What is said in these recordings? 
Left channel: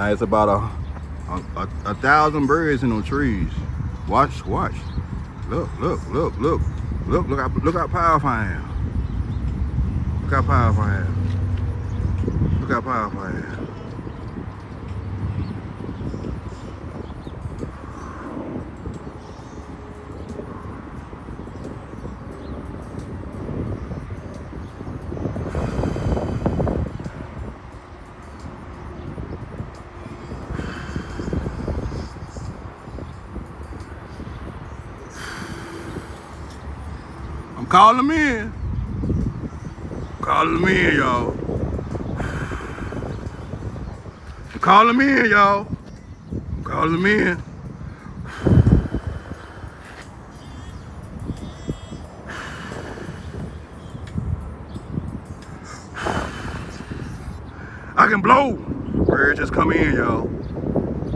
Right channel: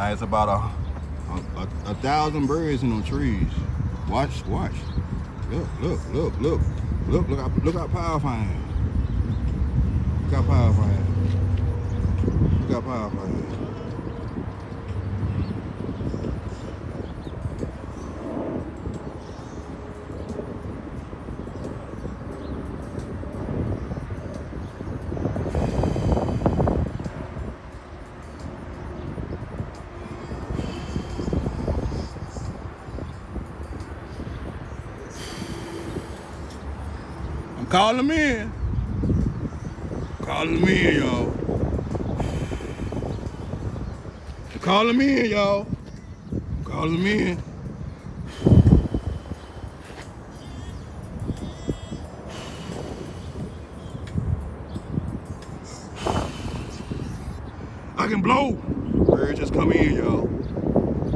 Now it's about a thousand birds in those trees. Watch. Look how powerful I am. Look how powerful I am. Look how powerful I am. I'm calling them in. Calling them in, y'all. I'm calling them in, y'all. Calling them in. I can blow. Birds just come in, y'all.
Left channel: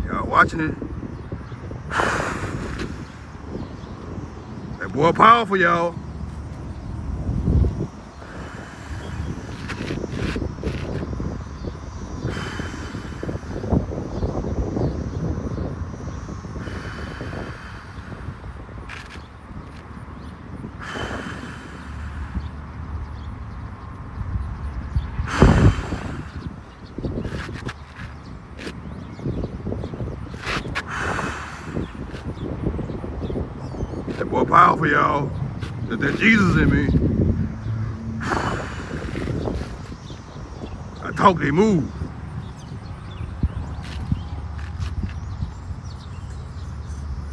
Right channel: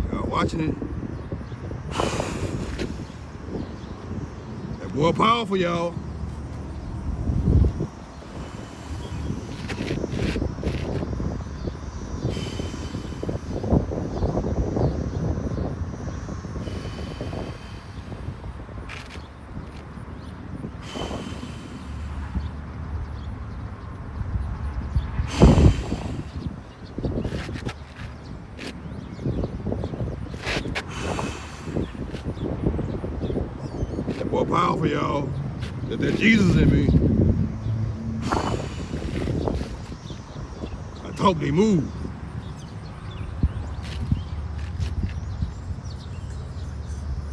Y'all watching it? That boy powerful, y'all. That boy powerful, y'all. There's Jesus in me. I talk, they move.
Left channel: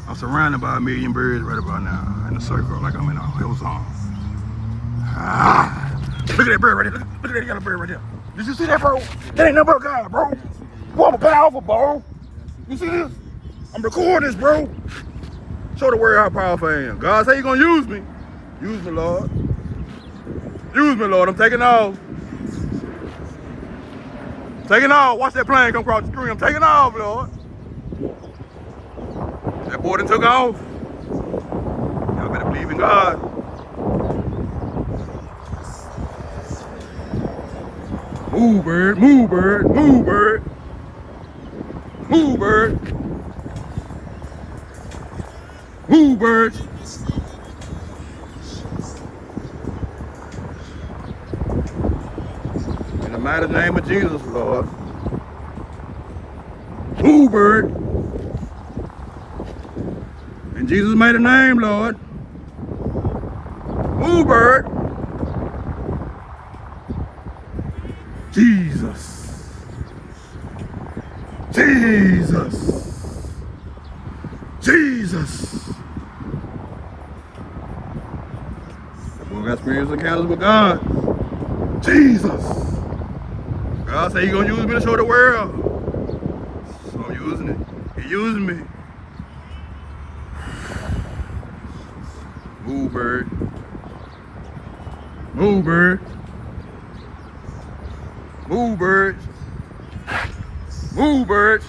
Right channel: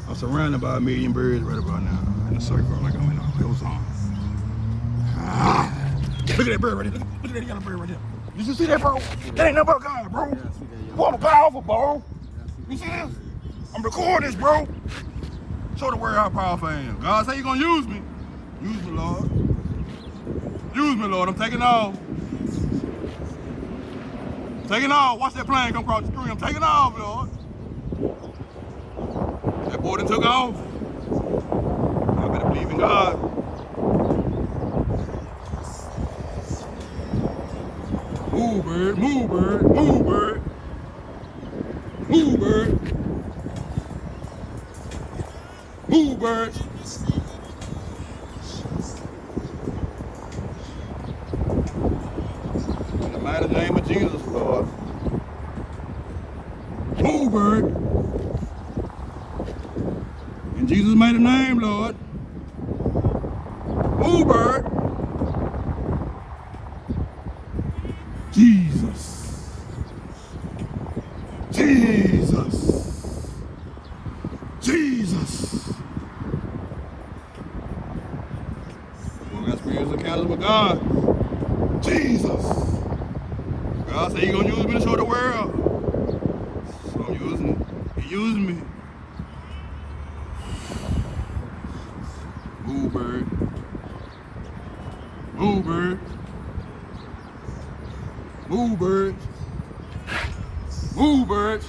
I'm surrounded by 1 million birds right about now in a circle like I'm in a hillsong. Look at that bird right there. Look at that yellow bird right there. Did you see that, bro? That ain't nothing but God, bro. Boy, I'm powerful, bro. You see this? I'm recording this, bro. Show the world how powerful I am. God say you gonna use me. Use me, Lord. Use me, Lord. I'm taking off. Taking off. Watch that plane come across the street. I'm taking off, Lord. That boy done took off. Y'all better believe in God. Move, bird. Move, bird. Move, bird. Move, bird. Move, birds. In the mighty name of Jesus, Lord. Move, bird. In Jesus' mighty name, Lord. Move, bird. Jesus. Jesus. Jesus. We got spiritual encounters with God. Jesus. God said He gonna use me to show the world. So I'm using it. He using me. Move, bird. Move, bird. Move, birds. Move, birds.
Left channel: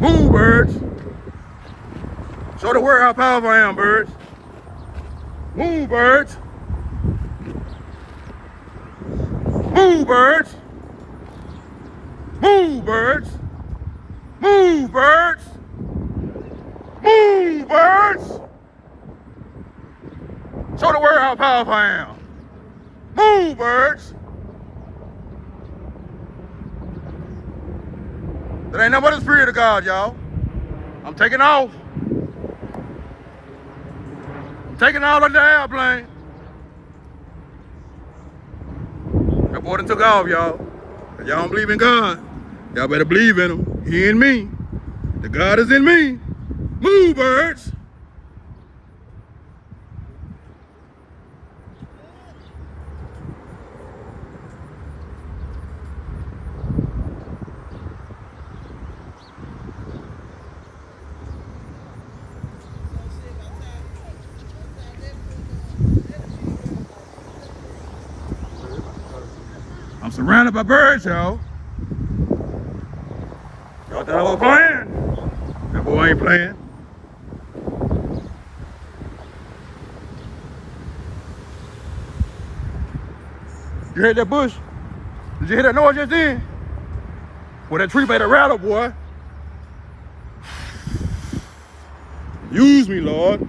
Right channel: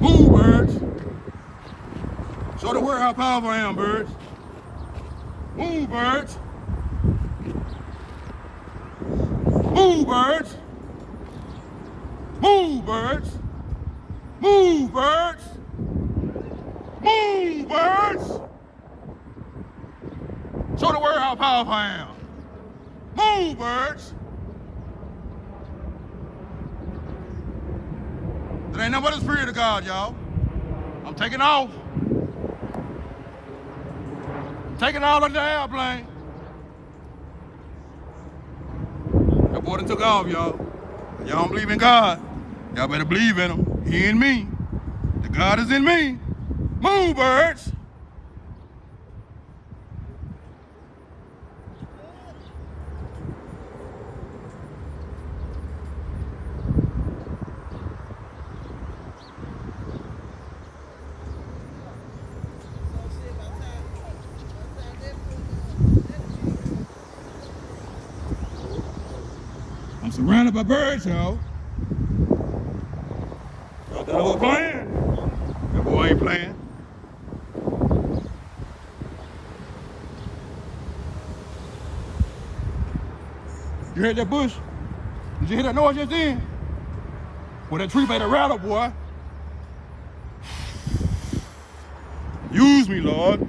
Move, birds. Show the world how powerful I am, birds. Move, birds. Move, birds. Move, birds. Move, birds. Move, birds. Show the world how powerful I am. Move, birds. That ain't nothing but the Spirit of God, y'all. I'm taking off. I'm taking off like the airplane. That boy done took off, y'all. If y'all don't believe in God, y'all better believe in Him. He in me. The God is in me. Move, birds. I'm surrounded by birds, y'all. Y'all thought I was playing? That boy ain't playing. You heard that bush? Did you hear that noise just then? Boy, that tree made a rattle, boy. Use me, Lord.